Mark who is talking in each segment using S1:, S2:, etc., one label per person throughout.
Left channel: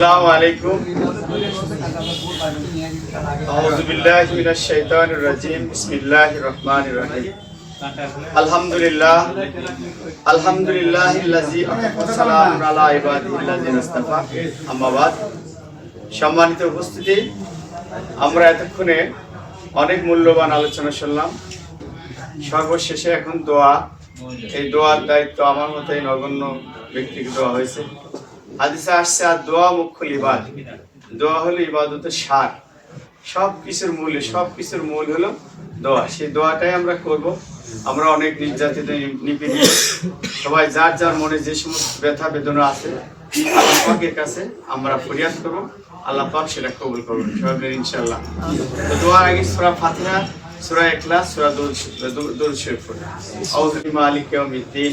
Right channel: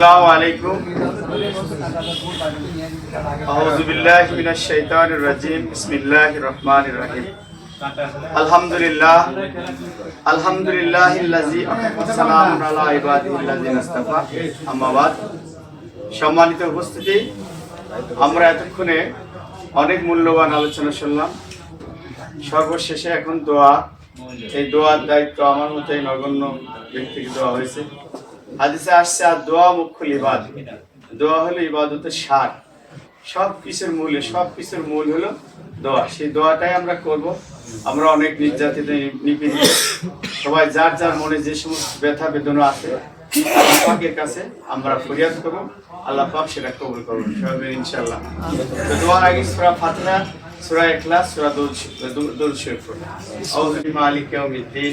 S1: السلام عليكم أعوذ بالله من الشيطان الرجيم بسم الله الرحمن الرحيم الحمد لله الحمد لله الذي سلام على عباده الذين اصطفى أما بعد সম্মানিত উপস্থিতি আমরা এতক্ষণে অনেক মূল্যবান আলোচনা শুনলাম সর্বশেষে এখন দোয়া এই দোয়ার দায়িত্ব আমার মতো এই নগণ্য ব্যক্তিকে দেওয়া হয়েছে হাদিসে আসছে আর দোয়া মুখ্য ইবাদ দোয়া হলো ইবাদতের সার সব কিছুর মূল সব কিছুর মূল হলো দোয়া সেই দোয়াটাই আমরা করব আমরা অনেক নির্যাতিত নিপীড়িত সবাই যার যার মনে যে সমস্ত ব্যথা বেদনা আছে আল্লাহ পাকের কাছে আমরা ফরিয়াদ করব আল্লাহ পাক সেটা কবুল করবেন সবাই ইনশাল্লাহ তো দোয়ার আগে সূরা ফাতিহা সূরা ইখলাস সূরা দুরূদ শরীফ পড়ে আউযু বিমালিক ইয়াউমিদ্দিন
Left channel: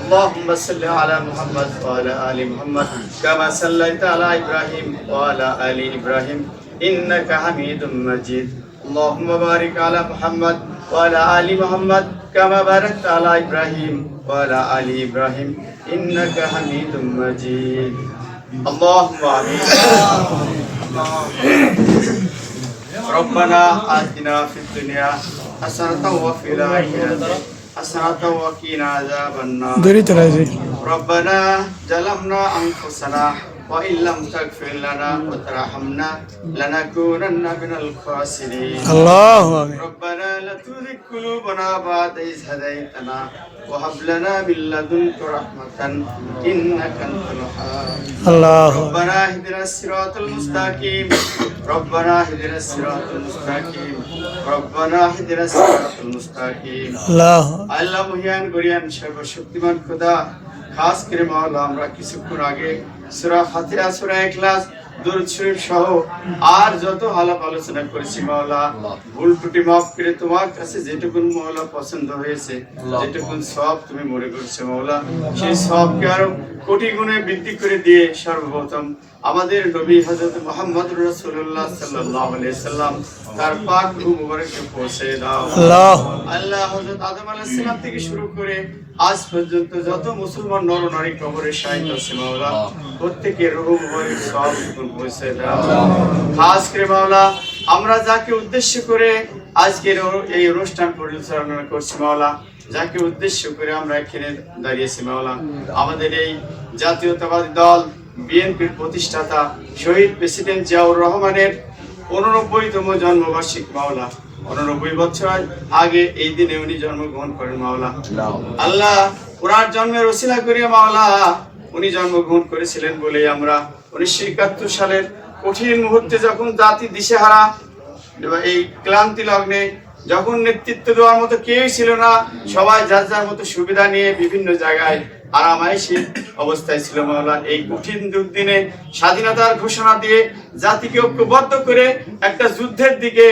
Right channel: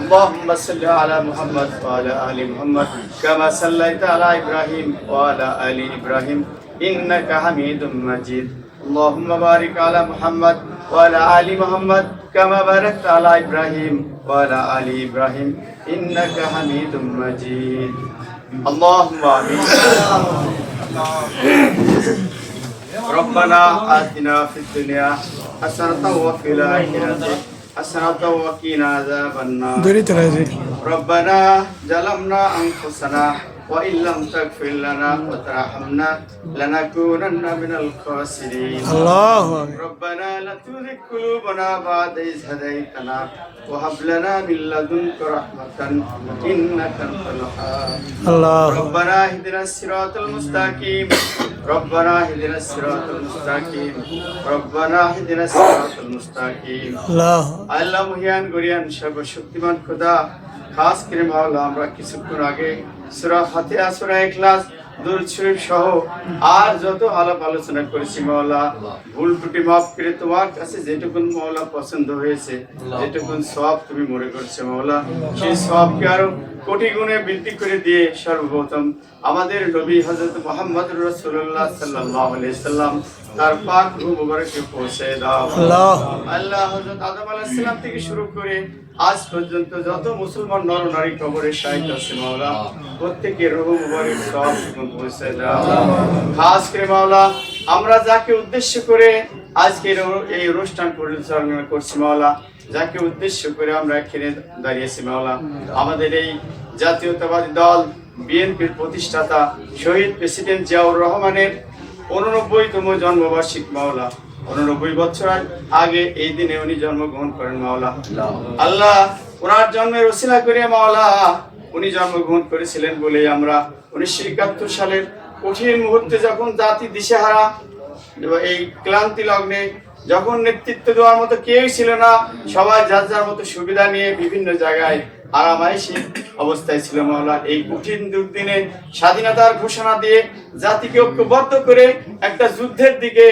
S1: اللهم صل على محمد وعلى آل محمد كما صليت على إبراهيم وعلى آل إبراهيم. إنك حميد مجيد. اللهم بارك على محمد وعلى آل محمد كما باركت على إبراهيم وعلى آل إبراهيم. إنك حميد مجيد. اللهم آمين. ربنا آتنا في الدنيا حسنة وفي الآخرة. حسنة وقنا عذاب النار ربنا ظلمنا أنفسنا وإن لم تغفر لنا وترحمنا لنكونن من الخاسرين
S2: আল্লাহ
S1: ربنا لا تزغ قلوبنا بعد إذ هديتنا وهب لنا من لدنك رحمة إنك أنت الوهاب
S2: আল্লাহ
S1: ربنا اهدنا الصراط المستقيم ربنا اهدنا الصراط المستقيم ربنا اهدنا الصراط المستقيم
S2: আল্লাহ
S1: আল্লাহ মহিয়ান গরিয়ান সর্বশক্তিমান খোদা খাস করে মাওলা আমরা কিছুক্ষণ আগে সূরা ফাতিহা সূরা ইখলাস দরুদ শরীফ সহ আর যত আলাপ আলোচনা করেছি মাওলা ভুল ত্রুটি মাফ করে তোমার কাছে যেটুকুন মাওলা পছন্দ হয়েছে যেটুকুন সব তুমি মনে করছ মাওলা সেই সবকে আরও কোটি গুণে বৃদ্ধি করে দিয়ে সর্বপ্রথম আমাদের নবী হযরত মুহাম্মদ রাসূলুল্লাহ সাল্লাল্লাহু আলাইহি সাল্লাম তার পাক মুবারকে পৌঁছে দাও।
S2: আল্লাহ।
S1: আল্লাহ হযরত আদম আলাইহিস থেকে শুরু করে আজ পর্যন্ত যত মুসলমান নর নারী কবরে সাহিত্য আছে মাওলা প্রত্যেকের রূহ মুবারক সব খাস করে মাওলা আমরা যাকে উদ্দেশ্য করে আজকের এই অনুষ্ঠান পরিচালনা করছি মাওলা যাকে উদ্দেশ্য করে আমরা এখানে দাঁড়িয়েছি মাওলা। আমাদের এই জাতীয়তাবাদী দল বিএনপির প্রতিষ্ঠাতা শহীদ প্রেসিডেন্ট জিয়াউর রহমানের উননব্বইতম জন্মবার্ষিক মাওলা। উননব্বই বছর আগে এই দিনে উনি জন্মগ্রহণ করেন মাওলা। আল্লাহ ওনার জন্মের ওসিলা করে মাওলা উনি জন্মগ্রহণ করেছিলেন বলে আমরা উনিশশো একাত্তর সালের কঠিন মুহূর্তে যখন জাতি দিশেহারা এই ক্লান্তি লগ্নে যখন নেতৃত্ব দেওয়ার মতো কেউই ছিল না, সবাই যার যার মতো সুবিধা নিয়ে বিভিন্ন জায়গায় আরামাইশি অবস্থায় ছিল মাওলা এই কঠিন দুর্দিনে স্বাধীনতার ঘোষণা দিয়ে জাতিকে ঐক্যবদ্ধ করে একটা যুদ্ধের দিকে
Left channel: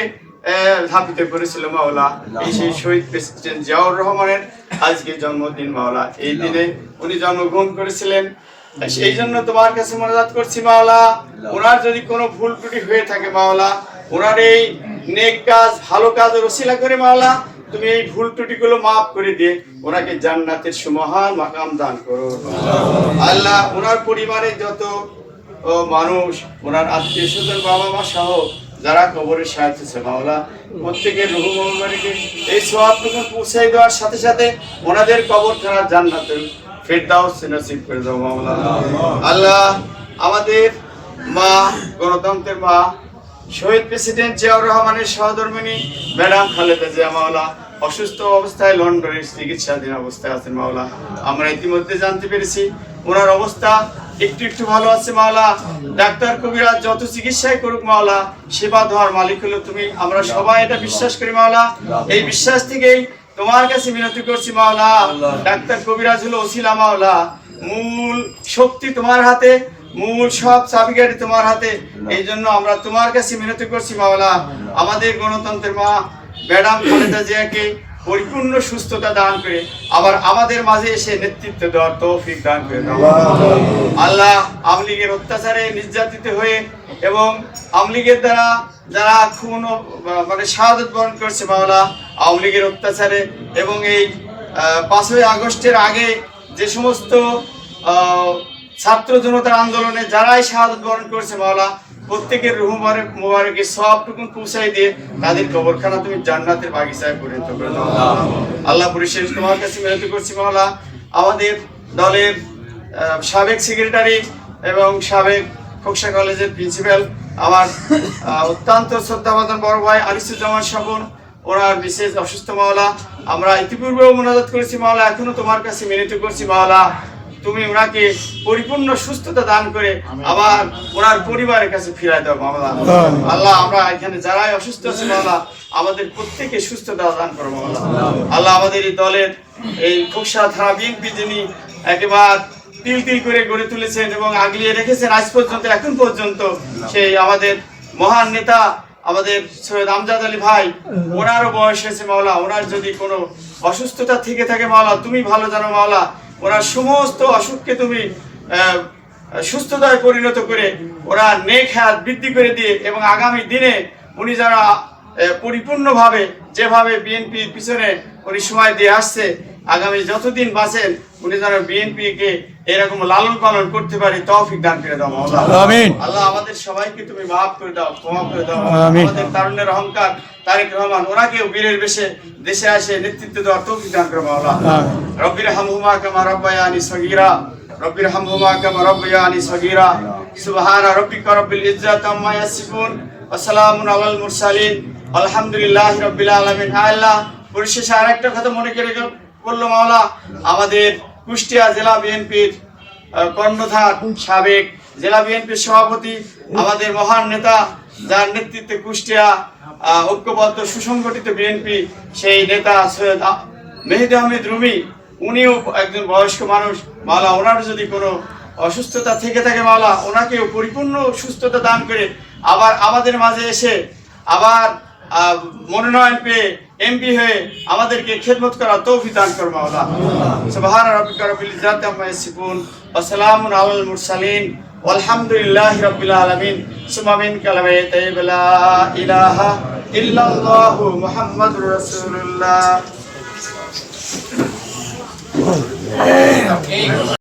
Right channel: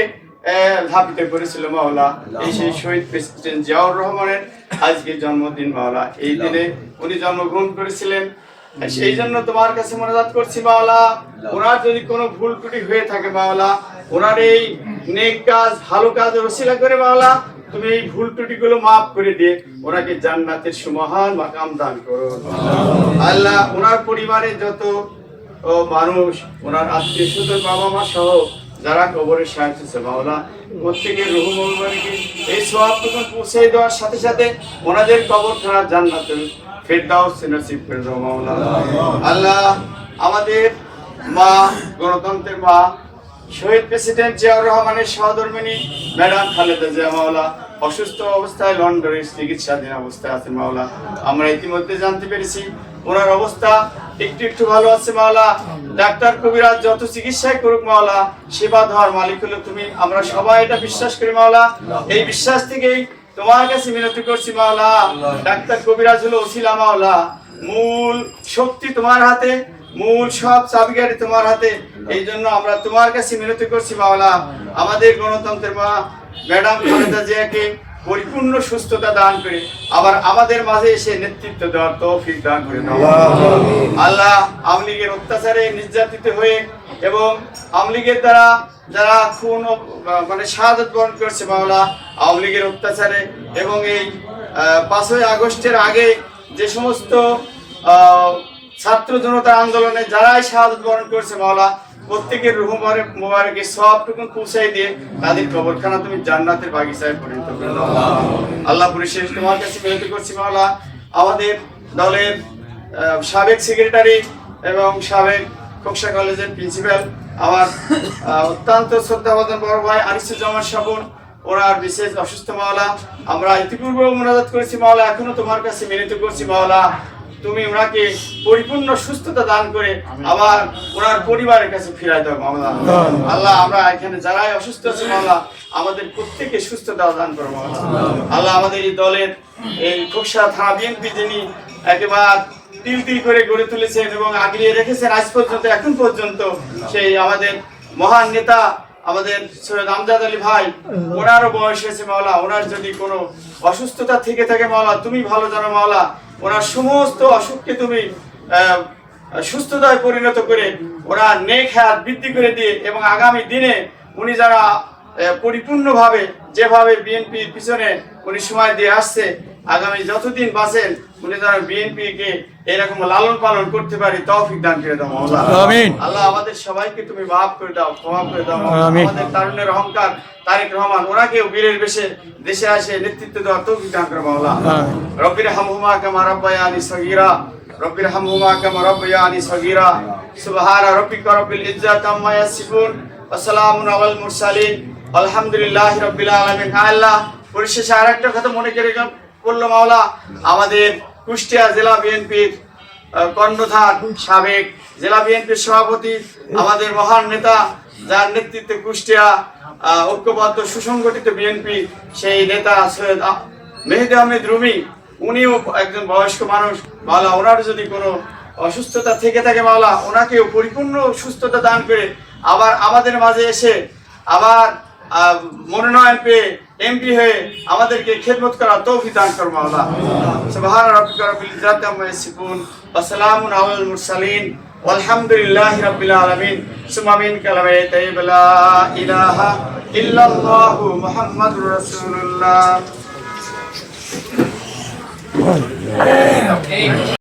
S1: ধাপিত করেছিল মাওলা এই সেই শহীদ প্রেসিডেন্ট জিয়াউর রহমানের আজকে জন্মদিন মাওলা। এই দিনে উনি জন্মগ্রহণ করেছিলেন। সেই জন্য তোমার কাছে মনোজাত করছি মাওলা। ওনার যদি কোনো ভুল ত্রুটি হয়ে থাকে মাওলা ওনার এই নেক কাজ ভালো কাজ রসিলা করে মাওলা তুমি এই ভুল ত্রুটিগুলো মাফ করে দিয়ে ওনাকে জান্নাতের সুমহান মাকাম দান করো। আল্লাহ ওনার পরিবারের যত ও মানুষ ওনার আত্মীয় স্বজন বাবা মা সহ যারা কবরের সাহায্য ছিল মাওলা, প্রত্যেকের রুহ মোবারকে এই সব তখন পৌঁছে দেওয়ার সাথে সাথে ওনাদের কবর খানা জান্নাতুল ফেরদাউস নসিব করে দাও, মাওলা। আল্লাহ আমাদের মা, গণতন্ত্রের মা, শহীদ প্রেসিডেন্ট জিয়াউর রহমানের সহধর্মিনী ম্যাডাম খালেদা জিয়া, মাওলা, অসুস্থ অবস্থায় লন্ডনের চিকিৎসাধীন অবস্থায় আছেন, মাওলা। আমরা ইতিমধ্যে জানতে পেরেছি, ওনার অবস্থা একটু একটু ভালো আছে মাওলা। ডাক্তার কবিরাজ যত চিকিৎসাই করুক মাওলা, সেবা দেওয়ার মালিক হলো তুমি। আমরা সবাই এটা বিশ্বাস করি মাওলা। এই বিশ্বাস থেকেই তোমার কাছে মিনতি করছি মাওলা। ডাক্তার কবিরাজ হলো ওসিলা মাওলা। মূল শক্তি তোমার হাতে, মূল সব চাবিকাঠি তোমার হাতে। এই জন্য আমরা তোমার কাছে মিনতি করছি মাওলা। আমাদের গণতন্ত্রের মা, ম্যাডাম খালেদা জিয়াকে পরিপূর্ণ সুস্থতা দান করে আবার আমাদের মাঝে এসে নেতৃত্ব দেওয়ার তৌফিক দান করে আল্লাহ আওয়ামী লীগের অত্যাচারে নির্যাতিত হয়ে এবং আওয়ামী লীগের দ্বারা যারা খুন মানে শাহাদত বরণ করেছে মাওলা, আওয়ামী লীগের অত্যাচারে এবং এই পাঁচই আগস্টের আগে যে সমস্ত ছাত্র জনতার আন্দোলনে যারাই শাহাদত বরণ করেছে মাওলা প্রত্যেকের রুহ মোবারক, মোবারকে সবটুকুন পৌঁছাই দিয়ে তাদের কবরখানা তুমি জান্নাতের বাগিচায় পরিণত করে দাও। আল্লাহ পরিশেষ তোমার কাছে মিনতি করছি মাওলা। আমাদের দলের সাবেক সেক্রেটারি এবং সাবেক খোকসা কলেজের প্রিন্সিপাল আমার অত্যন্ত শ্রদ্ধাভাজন বড় ভাই আরিসুজ্জামান সাবুন। ওনার বিশেষ অসুস্থ মাওলা। আমরা ইতিপূর্বেও মোনাজাত করেছি মাওলা, এখনও তোমার কাছে মিনতি করছি মাওলা। তুমি ওনাকে পরিপূর্ণ সুস্থতা দান করে আবার ওনার পরিবারের কাছে ফিরাই দাও মাওলা আল্লাহ আমরা এখানে যারাই অসুস্থ আছে মাওলা আমাদের প্রত্যেকে সুস্থতা দান করো মাওলা আল্লাহ আমাদের এই দলের এই খোকসা থানা বিএনপি যিনি একেবারে তিল তিল করে গড়ে তুলেছেন এবং আগলিয়ে রেখেছেন আজ পর্যন্ত এখন পর্যন্ত সেই আমাদের মহান নেতা আমাদের সৈয়দ আমজাদ আলী ভাই ওনারও বয়স হয়েছে মাওলা ওনার যদি কোনো অসুস্থতা থেকে থাকে মাওলা তুমি ভালো জানো মাওলা ওনার সমস্ত অসুখকে তুমি সুস্থতায় পরিণত করে ওরা নেক হাত বৃদ্ধি করে দিয়ে এবং আগামী দিনে উনি যারা পরিপূর্ণভাবে যেভাবে বিএনপির পিছনে উনি সময় দিয়ে আসছে, আগামী যতদিন বাঁচেন, উনি যারা বিএনপি কে এরকম লালন পালন করতে পারি তৌফিক দান করে দাও মাওলা
S2: আমিন।
S1: আল্লাহ আমাদের সবাইকে তুমি মাফ করে দাও ক্ষমা করে দাও। আমাদের তারুণ্যের অহংকার তারেক রহমান ওনাকেও বীরের বেশে দেশে আসে নেতৃত্ব দেওয়ার তৌফিক দান করে মাওলা
S2: আমিন।
S1: রব্বির হামহুমা কামা রব্বায়ানি সগীরা রব্বির হামহুমা কামা রব্বায়ানি সগীরা সুবহান রাব্বিকা রব্বিল ইজ্জাতি আম্মা ইয়াসিফুন ওয়া সালামুন আলাল মুরসালিন আলহামদুলিল্লাহি রাব্বিল আলামিন আল্লাহ পরিশেষে আরেকটা কথা মনে করে করল মাওলা আমাদের কুষ্টিয়া জেলা বিএনপির কর্ণধার সাবেক জেলা বিএনপির সভাপতি, আমাদের মহান নেতা যার নেতৃত্বে কুষ্টিয়া ঐক্যবদ্ধ সুসংগঠিত বিএনপি, সেই নেতা সৈয়দ মেহেদি আহমেদ রুমি, উনিও একজন বয়স্ক মানুষ। মাওলা, ওনার যদি কোনো অসুস্থতা থেকে থাকে মাওলা, ওনাকেও পরিপূর্ণ সুস্থতা দান করে আবার আমাদের মাঝে এসে আবার মনোনয়ন পেয়ে এমপি হয়ে আমাদেরকে খেদমত করা তৌফিক দান করো মাওলা সুবহান রাব্বিকা রাব্বিল ইজ্জাতি আম্মা ইয়াসিফুন ওয়া সালামুন আলাল মুরসালিন rabbil alamin summa min kalamai tayyib la ilaha illallah muhammadur rasulullah